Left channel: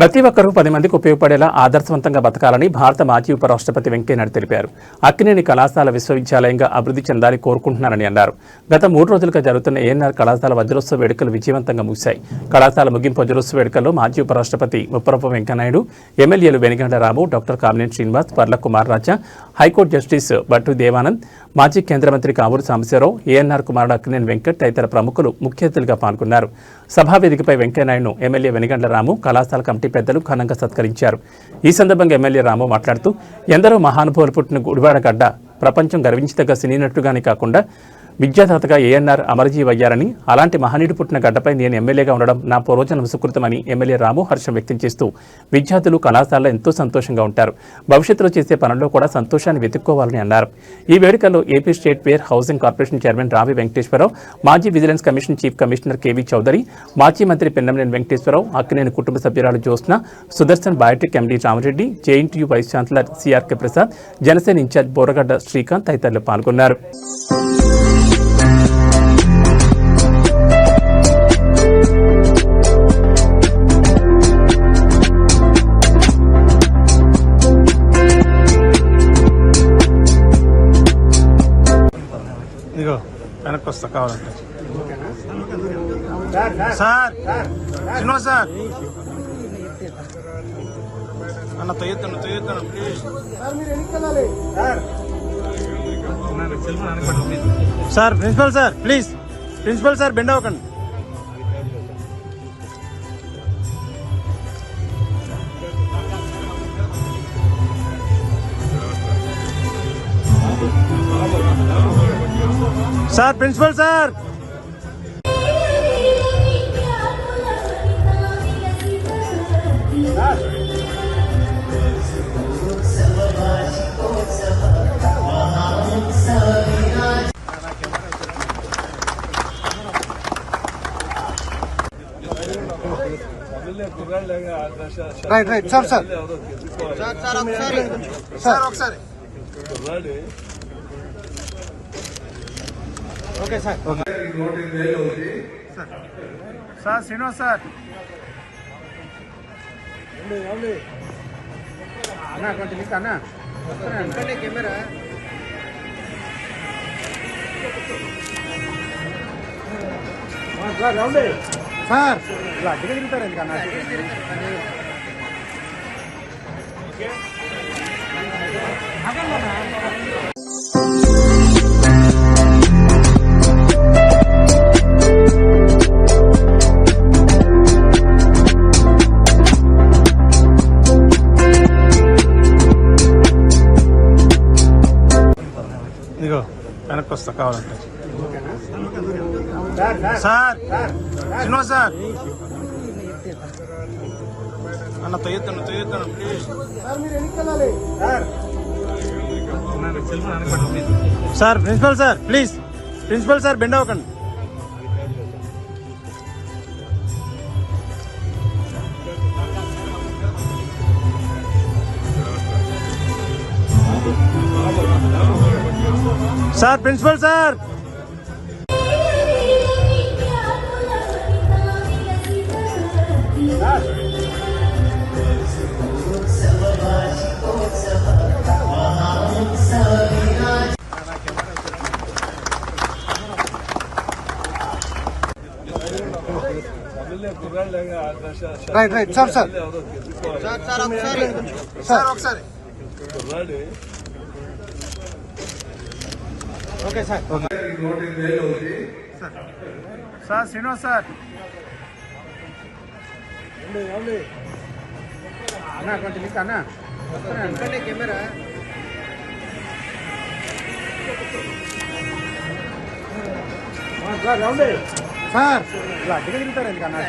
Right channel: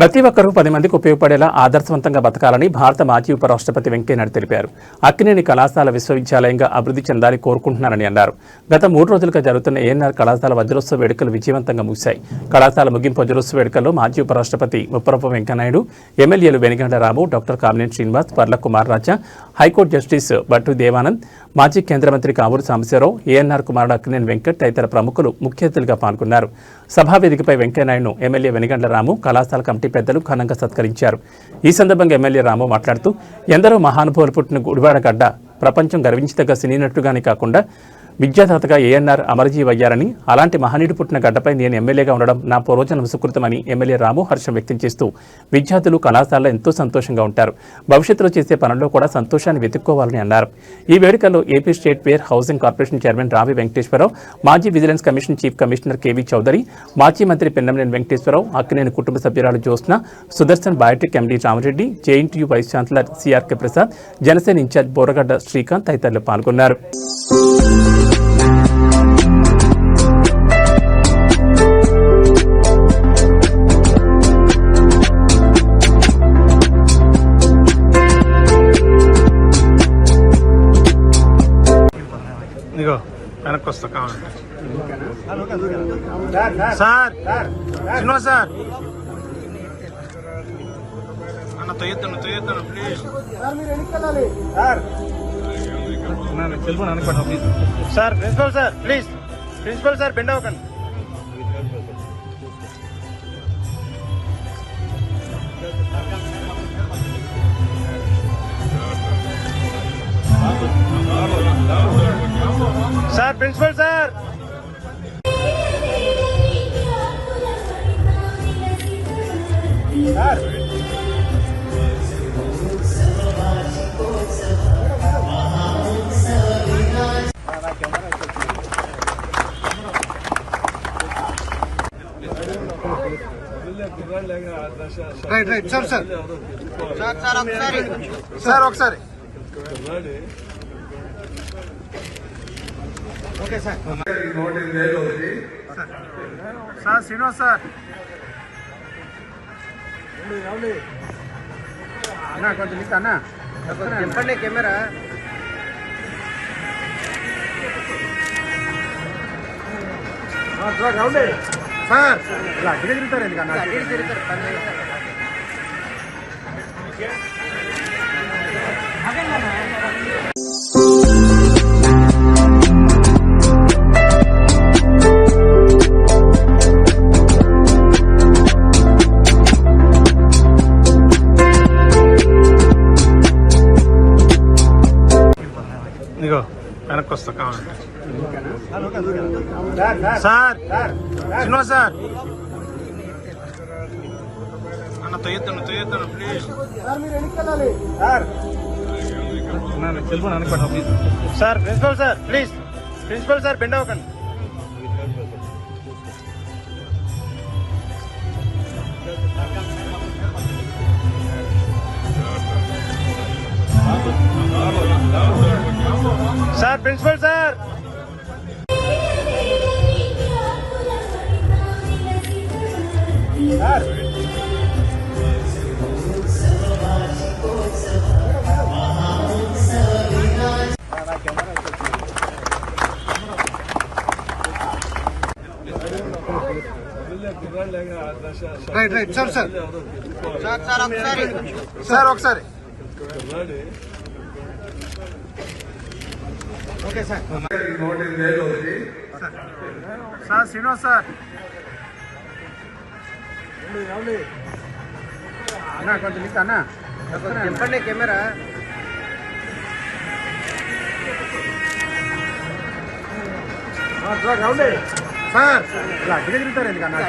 ప్రతి ఒక్కరూ 10 మందికి ఉపయోగపడేలా ఆదర్శవంతంగా బతకాలని భారత మాజీ ఉపరాష్ట్రపతి వెంకయ్యనాయుడు తెలిపారు. అక్కినేని కళాశాల విశ్వవిద్యాలయంగా అభివృద్ధి చెందాలని కోరుకుంటున్నారని అన్నారు. గత 3 రోజులుగా జరుగుతున్న ఏఎన్ఆర్ కళాశాల వజ్రోత్సవ వేడుకలు విజయవంతంగా ముగిశాయి. కళాశాల ముగింపు వజ్రోత్సవ వేడుకల్లో మాజీ ఉపరాష్ట్రపతి ముప్పవరపు వెంకయ్యనాయుడు, ఎమ్మెల్యేలు వెనిగండ్ల రాము, డాక్టర్ కామినేని శ్రీనివాస్, పర్ల కుమార్ రాజా, హైకోర్టు జస్టిస్ భట్టు దేవానంద్, మాజీ కేంద్ర మంత్రి కావూరి సాంబశివరావు, ఏఎన్ఆర్ కుమారుడు అక్కినేని వెంకట్ తదితర ప్రముఖులు ముఖ్య అతిథులుగా పాల్గొన్నారు. సభావేదికపై వెంకయ్యనాయుడును ఎమ్మెల్యే వెనిగండ్ల రాము, కళాశాల కమిటీ పెద్దలు ఘనంగా సత్కరించారు. ఈ సందర్భంగా ఎమ్మెల్యే రాము మాట్లాడుతూ, ఎందరో మహానుభావులు పుట్టిన గుడివాడ గడ్డ ప్రపంచం గర్వించదగ్గ సినీనటుగానే కాకుండా విద్యాదాతగా ఏఎన్ఆర్ అమరజీవయ్యారని, అలాంటి మహనీయుడు పుట్టిన గడ్డపై నేను ఎమ్మెల్యేగా ఉండడం నా పూర్వజన్మ సుకృతమని ఎమ్మెల్యే రాము హర్షం వ్యక్తం చేస్తూ, విద్యార్థులు కళాశాలలో ఎంతో సంతోషంగా ఉంటారు, భవిష్యత్తులో చేసే పనుల్లో కూడా సంతోషాన్ని వెతుక్కోవాలని అన్నారు. ఈ వేడుకల్లో AP state warehousing corporation chairman Ravi Venkateswararao, మాజీ vigilance commission chief commissioner KV Chowdary, మాజీ మంత్రి పిన్నమనేని వెంకటేశ్వరరావు, అక్కినేని కుటుంబ సభ్యురాలు Jyotsna, Sudarshan biotech MD Ramareddy, JNTU vice chancellor CRK Prasad, Janasena in charge Boragadda Srikanth తదితరులు పాల్గొన్నారు. ఇగో వెనక్కి వస్తా కావాలంటే సార్ శ్రీనివాస్ సార్ అన్న తొయ్యొద్దాను please sir principal sir please principal sir bend అవ్వకండి. Sir principal sir right sir sir sir ఒకసారి okay sir sir Srinivas sir కొంచెం అన్నా కెమెరా సార్ తిరుగుతారు ఎందుకన్నా ఇగో వెనక్కి వస్తా కావాలంటే సార్ శ్రీనివాస్ సార్ అన్న తొయ్యొద్దాను please sir principal sir please principal sir bend అవ్వకండి. Sir principal sir right sir sir sir ఒకసారి okay sir sir Srinivas sir కొంచెం అన్నా కెమెరా సార్ తిరుగుతారు ఎందుకన్నా